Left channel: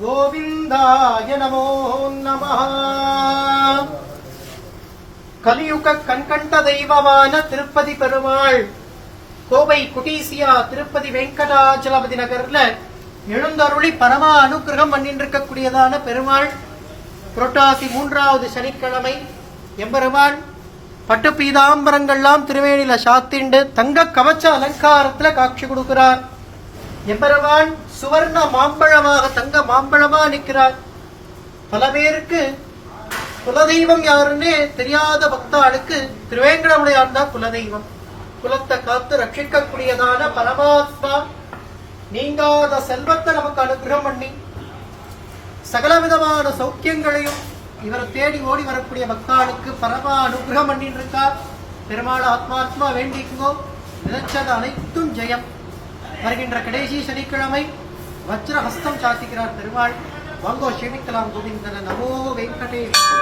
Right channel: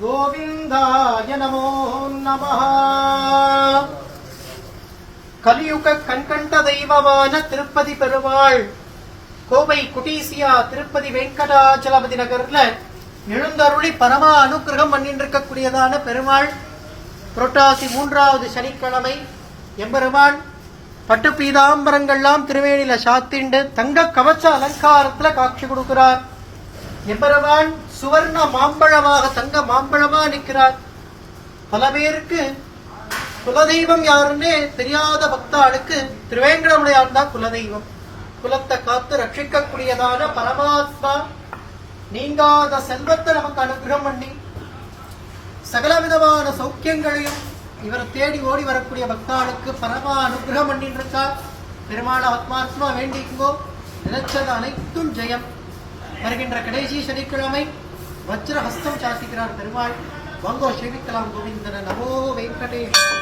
கோவிந்தாய நமோ நம கலியுக கண்கண்ட தெய்வமான திருப்பதி பெருமாள் கோவை குட்டீசியா திருப்பதி வெங்கடாச்சலபதி நகர்ல எழுந்தருளி பரமா அனுக்கிரகம் பண்ணின்றிருக்கக்கூடியதான பெருமாள் புரட்டாசி மூன்றாவது சனிக்கிழமை எம்பெருமான் பட்டு பீதாம்பரங்கள்லாம் திருவேணியில சாத்திண்டு தங்க கவச்ச அலங்காரத்துல காட்சி கொடுக்கிறார். எம்பெருமான் சுவர்ண மாம்பழமாக தங்க மாம்பழமா நிற்கிறார். பல பேருக்கு குலதெய்வம் யாருன்னே தெரியாத பக்தாளுக்கு திருவேங்கடமுடையார் தான் குலதெய்வம். குலத்தை காத்து ரட்சிக்கக்கூடியதான பரமாத்மா நீங்காத செல்வத்தை நமக்கு அனுகிரகம் பண்ணி சகல விதமான சௌக்கியங்களையும் இவரை தேடி ஓடி வரக்கூடிய பக்தாளுக்கு பரமா அனுகிரகம் பண்ணிட்டு இருக்கார். பெருமாள் ஆத்மாத்மா வேண்டிக்குவோம் நினைச்சது அனைத்தும் ஜெயம். வருகின்ற கடைசி சனிக்கிழமை வஜ்ரஹஸ்தம் சாத்திக்கிறார் பெருமாள். வங்கோ சேமிக்கலாம் கோவிந்தன நமோ வெங்கடேஷ்.